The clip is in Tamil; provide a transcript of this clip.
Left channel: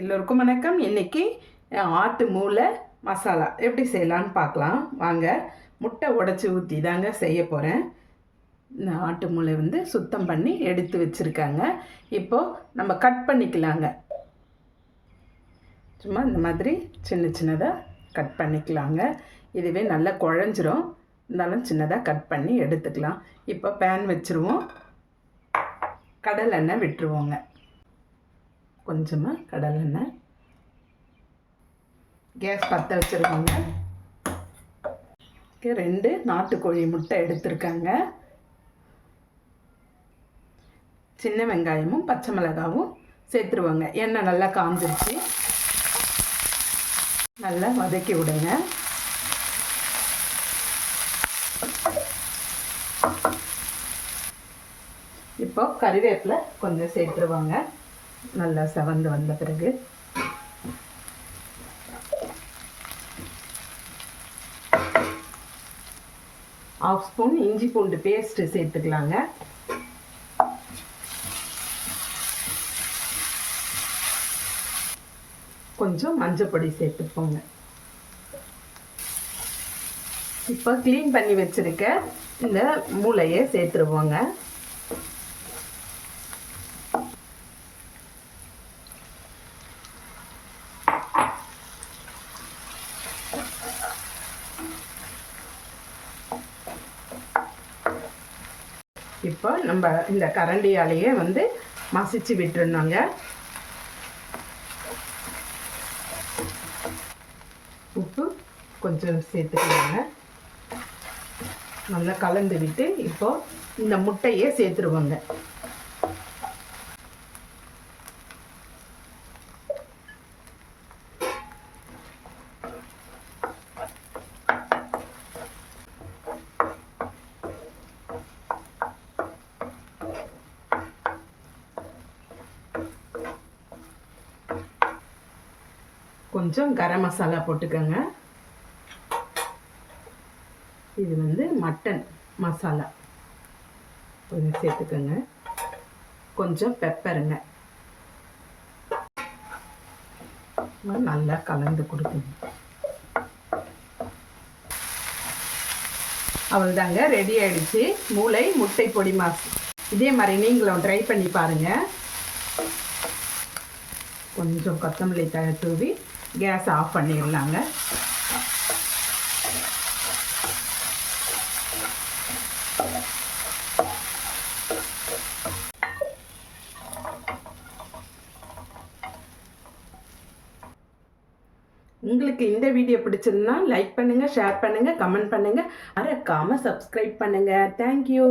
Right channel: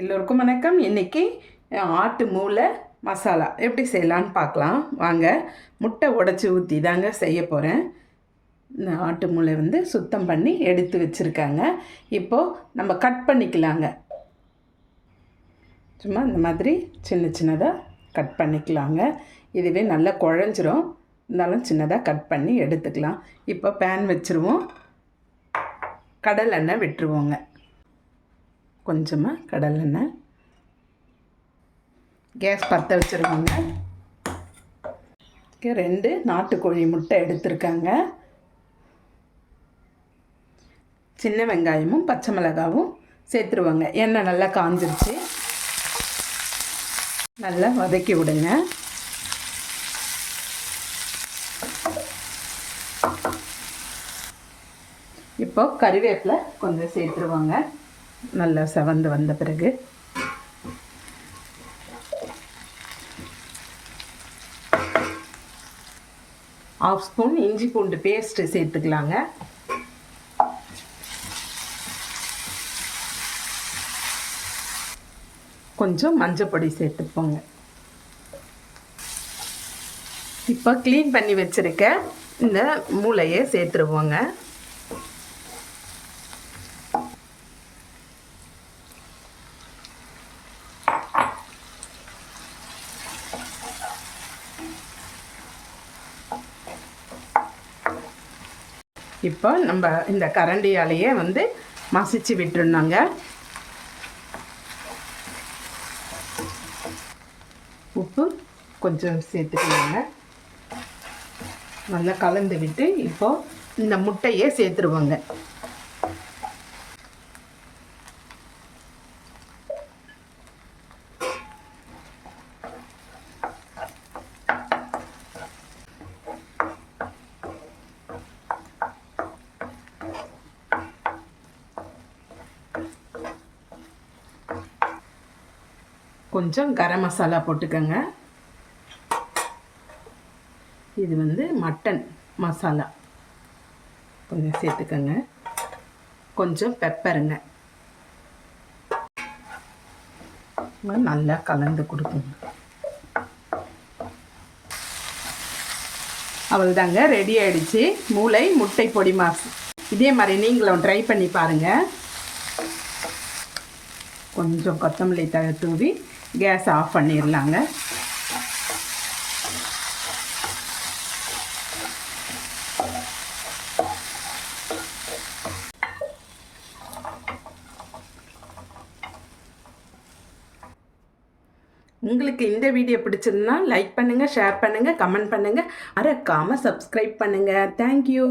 எல்லோருக்கும் வணக்கம். இன்றைக்கி ஆட்டு மூளை மசாலா எப்படி செய்யலான்னு பார்க்கலாம் வாங்க. முட்டை உடச்சி ஊற்றி தாங்க செய்ய போகிறேன். இந்த ஆட்டு மூளை சுத்தம் பண்ணி எடுத்து வச்சுருக்காங்க. இப்போது நம்ம கட் பண்ணிக்கலாங்க. சும்மா இந்த மாதிரி சின்ன சின்னதாக கட் பண்ணிக்கலாங்க. இதுவே நல்லா குழஞ்சிரும், இருந்தாலும் சின்னதாக கட் பண்ணி எடுத்துக்கலாம். இப்போ பேன் வச்சுருவோம். கடலெண்ணெய் விட்டுருவோங்க. கொஞ்சமாக கடலெண்ணெய். கேஸ் பற்ற வச்சுருவோங்க. 2 நாட்டுக்கோழி முட்டை எடுத்துருக்காங்க. சின்ன வெங்காயமும் பச்சை மிளகாவும் சேர்த்துருவாங்க. எண்ணெய் நல்லா காஞ்சிருச்சு. நல்லா வதக்கி விடுங்க. இப்போ கறிவேப்பிலை கொஞ்சம் சேர்த்துருவாங்க. நல்லா செவந்து வந்த பிறகு ½ ஸ்பூன் இஞ்சி பூண்டு பேஸ்ட்டு சேர்த்துக்கலாங்க. கொஞ்சம் மஞ்சள் பொடி சேர்த்துப்போங்க. இப்போ க்ளீன் பண்ணி வச்சுருக்க இந்த மூளையை சேர்த்துருவோங்க. இப்போ நம்ம இந்த கரண்டியாலேயே மசிச்சு விட்டுருந்தாங்க. உப்பு கொஞ்சம் சேர்த்துக்கலாங்க. நல்லா கலந்து விட்டு இப்போது இந்த முட்டையே சேர்த்துருவோங்க. கொஞ்சம் கரம் மசாலா போட்டுக்கோங்க. இது மட்டன் மசாலா கொஞ்சம் சேர்த்துக்கோங்க. கொஞ்சம் பெப்பருங்க. நல்லா கலந்து கொடுக்குங்க. அவ்வளோதாங்க, ரெடி ஆகிடுச்சு மூளை முட்டை பொடி மாசு. இதே மாதிரி நீங்களும் ட்ரை பண்ணி பாருங்கள். கொஞ்சம் கொத்தமல்லி தழை தூவி கேஸ் ஆஃப் பண்ணிடலாங்க. உங்களுக்கு இந்த வீடியோ பிடிச்சிருந்தா லைக் பண்ணுங்கள், ஷேர் பண்ணுங்கள், கமெண்ட் பண்ணுங்கள், மறக்காமல் சப்ஸ்கிரைப் பண்ணுங்கள். தேங்க்யூ.